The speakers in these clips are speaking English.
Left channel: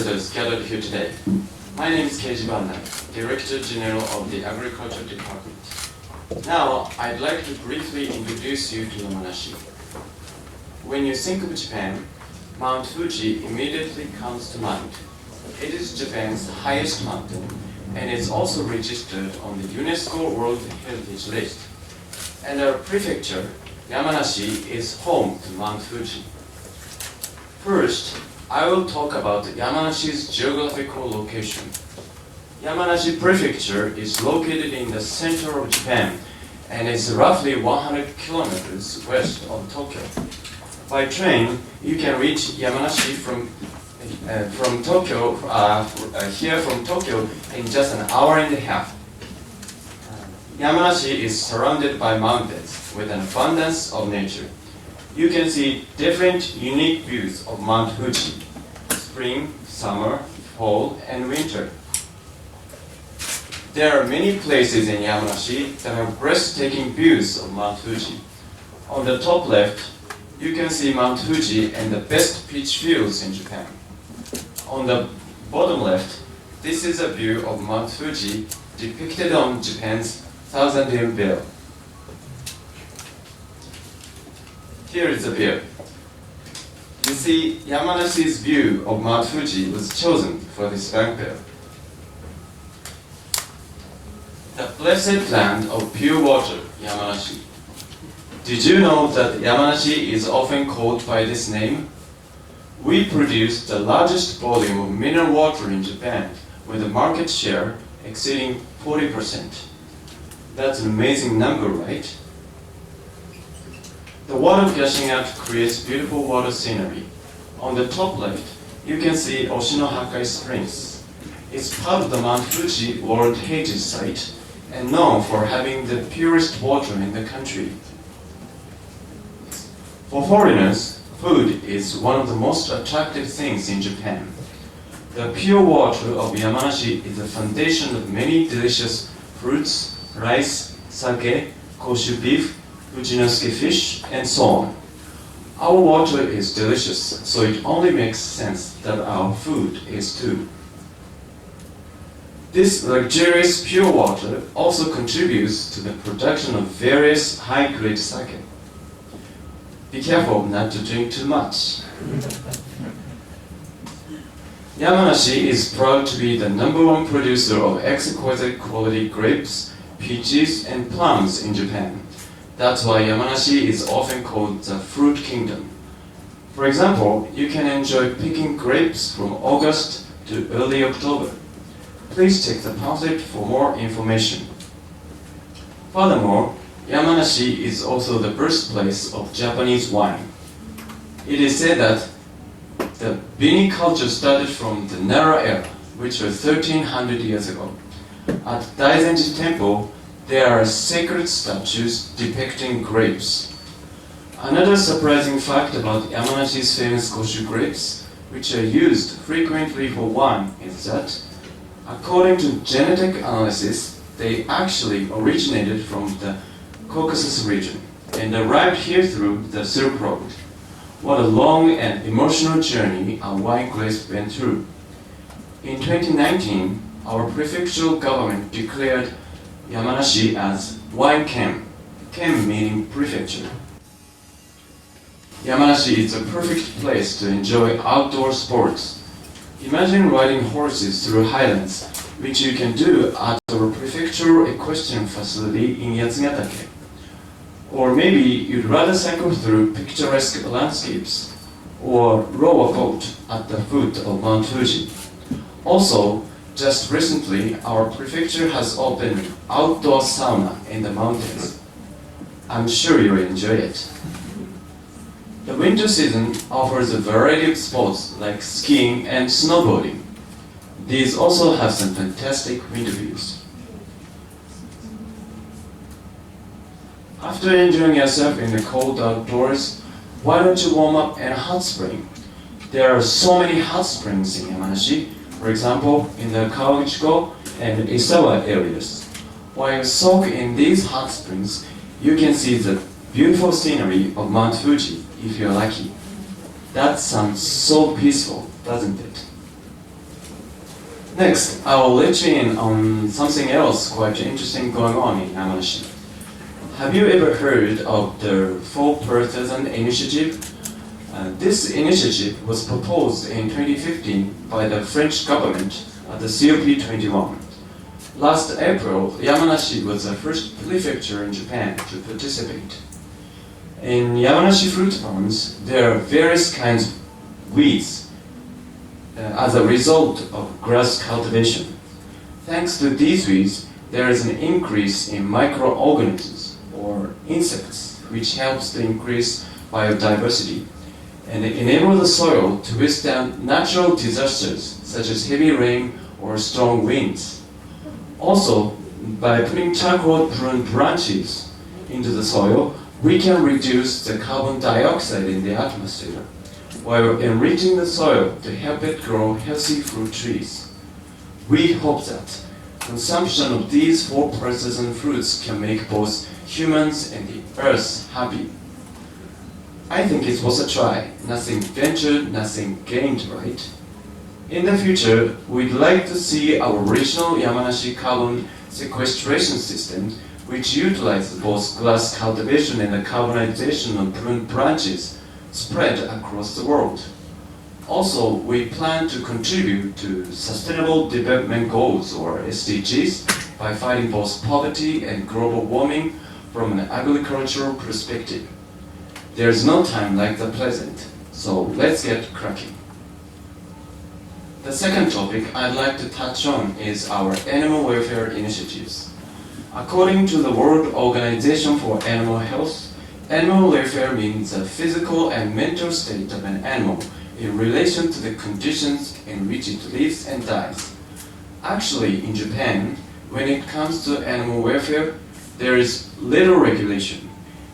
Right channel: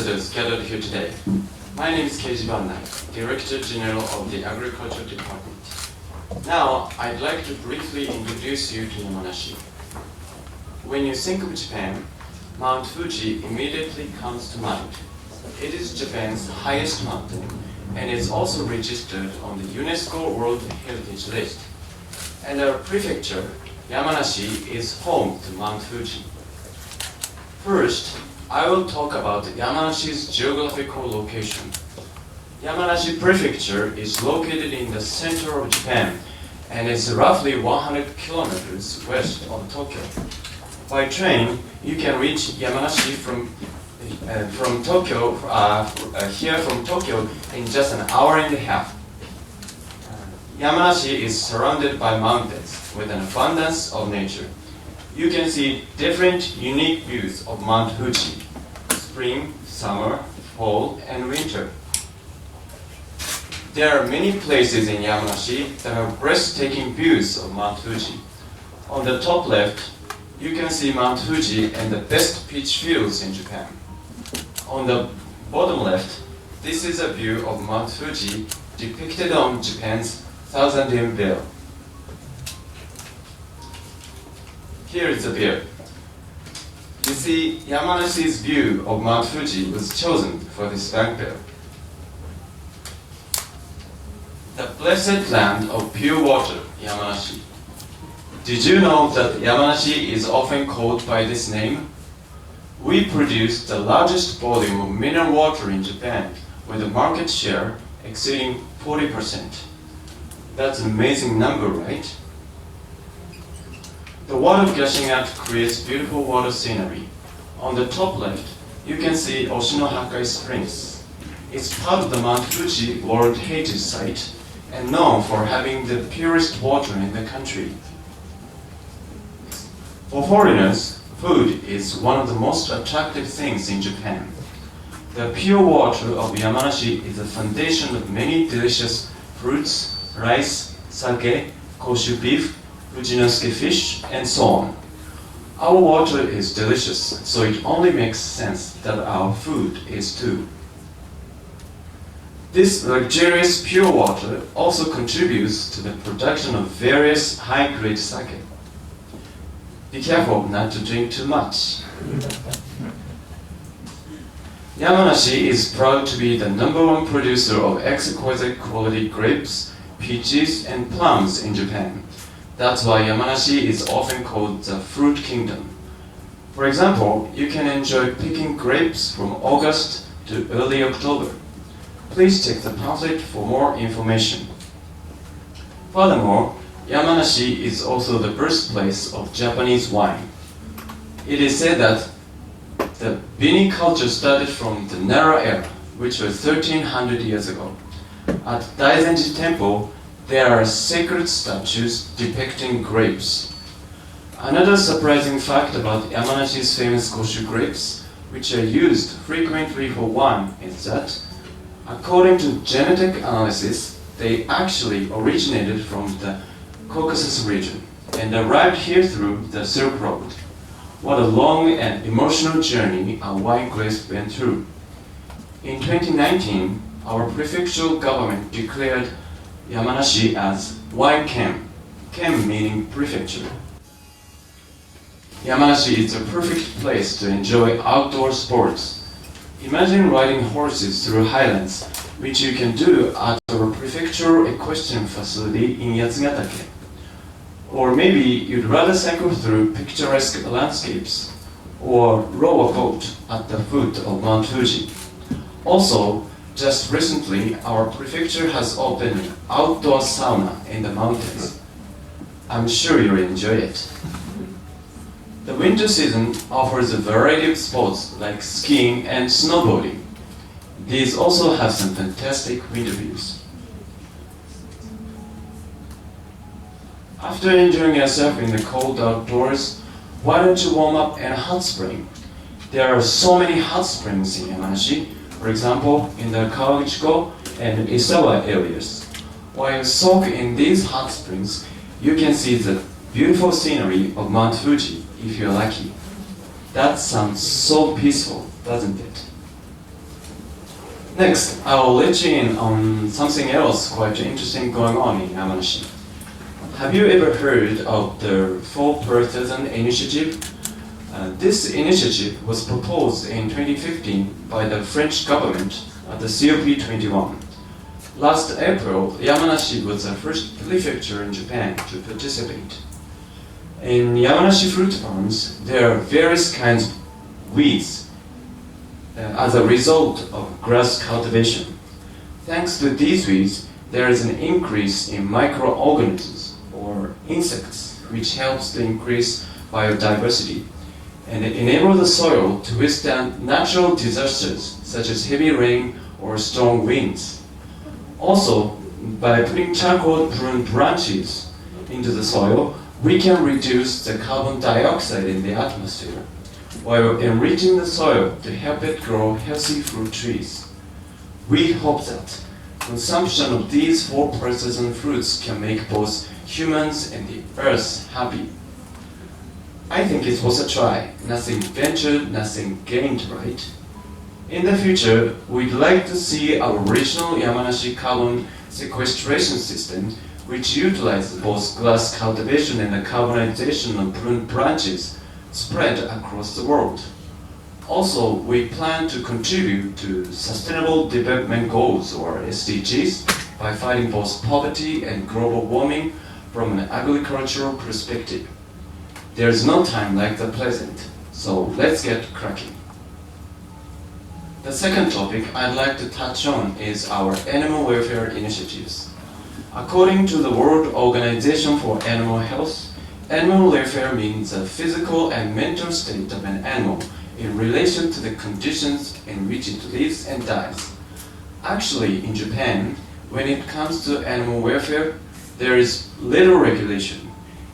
ambassadors gathered here today. My name is Keiji Banai, Director General of the Agriculture Department. Now, I'd like to briefly introduce you to Yamanashi. When you think of Japan, Mount Fuji immediately comes to mind. It is Japan's highest mountain, and it's also registered on the UNESCO World Heritage List. And our prefecture, Yamanashi, is home to Mount Fuji. First, I will talk about Yamanashi's geographical location. Yamanashi Prefecture is located in the center of Japan and is roughly 100 kilometers west of Tokyo. By train, you can reach Yamanashi from Tokyo in just an hour and a half. Yamanashi is surrounded by mountains with an abundance of nature. You can see different unique views of Mount Fuji: spring, summer, fall, and winter. There are many places in Yamanashi that have breathtaking views of Mount Fuji. On the top left, you can see Mount Fuji and the best peach fields in Japan. On the bottom left, this is a view of Mount Fuji depicted on Japan's Thousand-Year Bell. Here is the bear. You see, Yamanashi's view of Mount Fuji was chosen for this bank bear. The blessed land of pure water, Yamanashi. Did you know that Yamanashi is often called by this name? We produce the largest volume of mineral water in Japan, with a market share exceeding 40%. That's an amazing number, right? The water gushing out creates beautiful water scenery. On the top left, you can see Oshinohakai Springs. It's part of the Mount Fuji World Heritage Site and known for having the purest water in the country. For foreigners, food is one of the most attractive things in Japan. The pure water of Yamanashi is the foundation of many delicious fruits, rice, sake, koshu beef, Fujinosuke fish, and so on. Our water is delicious, so it only makes sense that our food is too. This luxurious pure water also contributes to the production of various high-grade sake. Be careful not to drink too much. Yamanashi is proud to be the #1 producer of exquisite quality grapes, peaches, and plums in Japan. That's why Yamanashi is often called the Fruit Kingdom. For example, you can enjoy picking grapes from August to early October. Please check the pamphlet for more information. Furthermore, Yamanashi is also the birthplace of Japanese wine. It is said that the viniculture started from the Nara era, which was 1300 years ago. At Daizenji Temple, there are sacred statues depicting grapes. Another surprising fact about Yamanashi's famous koshu grapes, which are used frequently for wine, is that, according to genetic analysis, they actually originated from the Caucasus region and arrived here through the Silk Road. What a long and emotional journey our wine grapes went through. In 2019, our prefectural government declared Yamanashi as Wine Ken, Ken meaning prefecture. Yamanashi is a perfect place to enjoy outdoor sports. Imagine riding horses through highlands, which you can do at our prefectural equestrian facility in Yatsugatake. Or maybe you'd rather cycle through picturesque landscapes, or row a boat at the foot of Mount Fuji. Also, just recently, our prefecture has opened an outdoor sauna in the mountains. I'm sure you'll enjoy it. The winter season offers a variety of sports like skiing and snowboarding. These also have some fantastic winter views. After enjoying yourself in the cold outdoors, why don't you warm up in a hot spring? There are so many hot springs in Yamanashi, for example, in the Kawaguchiko and Isawa areas. While you soak in these hot springs, you can see the beautiful scenery of Mount Fuji if you're lucky. That sounds so peaceful, doesn't it? Next, I will let you in on something else quite interesting going on in Yamanashi. Have you ever heard of the 4% initiative? This initiative was proposed in 2015 by the French government at the COP21. Last April, Yamanashi was the first prefecture in Japan to participate. In Yamanashi fruit farms, there are various kinds of weeds as a result of grass cultivation. Thanks to these weeds, there is an increase in microorganisms or insects, which helps to increase biodiversity and enable the soil to withstand natural disasters such as heavy rain or strong winds. Also, by putting charcoal prune branches into the soil, we can reduce the carbon dioxide in the atmosphere, while enriching the soil to help it grow healthy fruit trees. We hope that consumption of these 4% fruits can make both humans and the earth happy. I think it was a try. Nothing ventured, nothing gained, right? In the future, we'd like to see our original Yamanashi carbon sequestration system, which utilizes both glass cultivation and the carbonization of pruned branches, spread across the world. Also, we plan to contribute to Sustainable Development Goals, or SDGs, by fighting both poverty and global warming from an agricultural perspective. There's no time like the present, so let's get cracking. The second topic I'd like to touch on is our animal welfare initiatives. According to the World Organization for Animal Health, animal welfare means the physical and mental state of an animal in relation to the conditions in which it lives and dies. Actually, in Japan, when it comes to animal welfare, there is little regulation,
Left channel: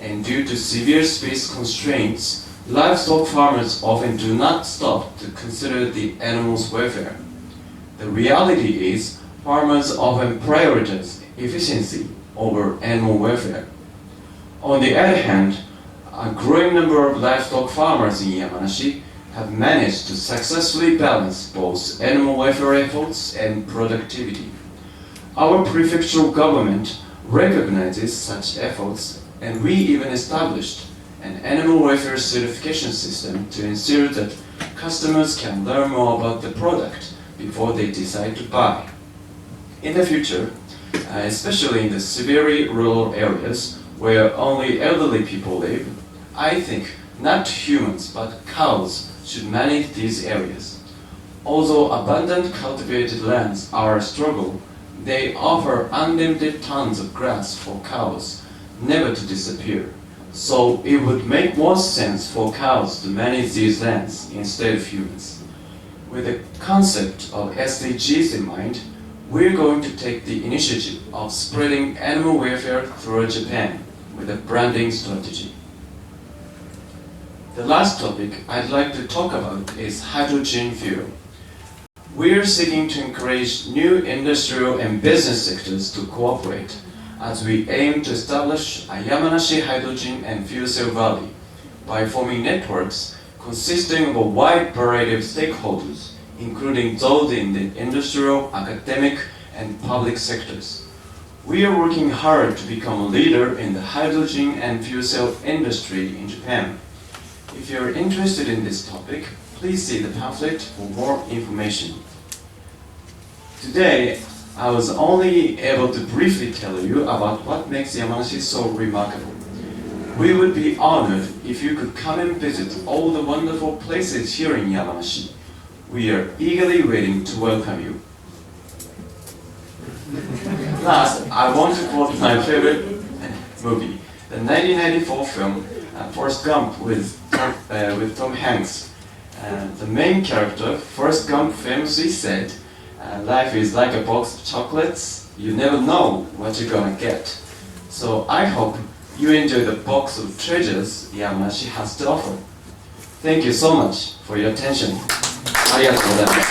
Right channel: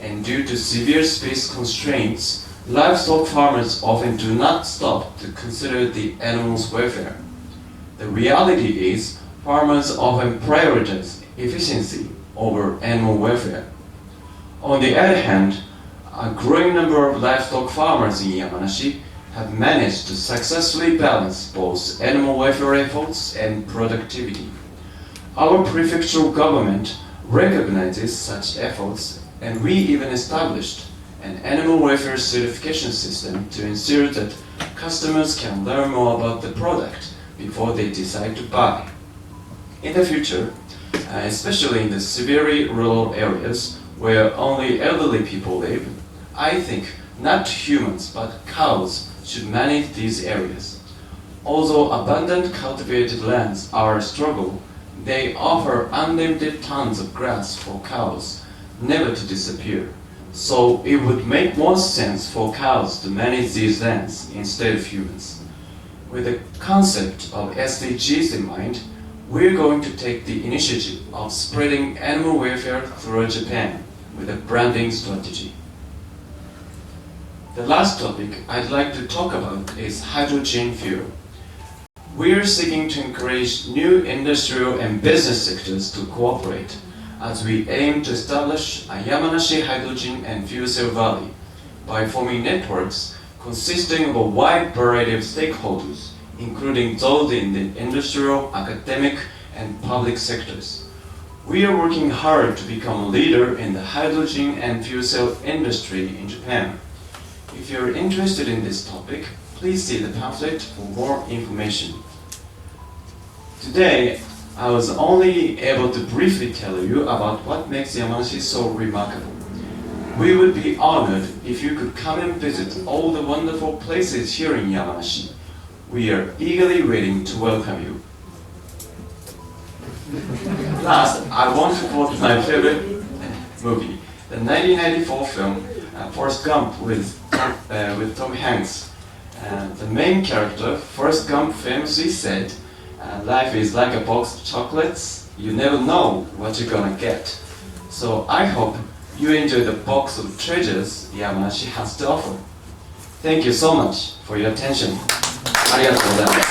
and due to severe space constraints, livestock farmers often do not stop to consider the animals' welfare. The reality is, farmers often prioritize efficiency over animal welfare. On the other hand, a growing number of livestock farmers in Yamanashi have managed to successfully balance both animal welfare efforts and productivity. Our prefectural government recognizes such efforts, and we even established an animal welfare certification system to ensure that customers can learn more about the product before they decide to buy. In the future, especially in the severely rural areas where only elderly people live, I think not humans but cows should manage these areas. Although abundant cultivated lands are a struggle, they offer unlimited tons of grass for cows, never to disappear. So it would make more sense for cows to manage these lands instead of humans. With the concept of SDGs in mind, we're going to take the initiative of spreading animal welfare throughout Japan with a branding strategy. The last topic I'd like to talk about is hydrogen fuel. We're seeking to encourage new industrial and business sectors to cooperate as we aim to establish a Yamanashi hydrogen and fuel cell valley by forming networks consisting of a wide variety of stakeholders, including those in the industrial, academic, and public sectors. We are working hard to become a leader in the hydrogen and fuel cell industry in Japan. If you're interested in this topic, please see the pamphlet for more information. Today, I was only able to briefly tell you about what makes Yamanashi so remarkable. We would be honored if you could come and visit all the wonderful places here in Yamanashi. We are eagerly waiting to welcome you. Last, I want to quote my favorite movie, the 1994 film Forrest Gump with Tom Hanks. The main character, Forrest Gump, famously said, "Life is like a box of chocolates. You never know what you're gonna get." So I hope you enjoy the box of treasures Yamanashi has to offer. Thank you so much for your attention. ありがとうございます。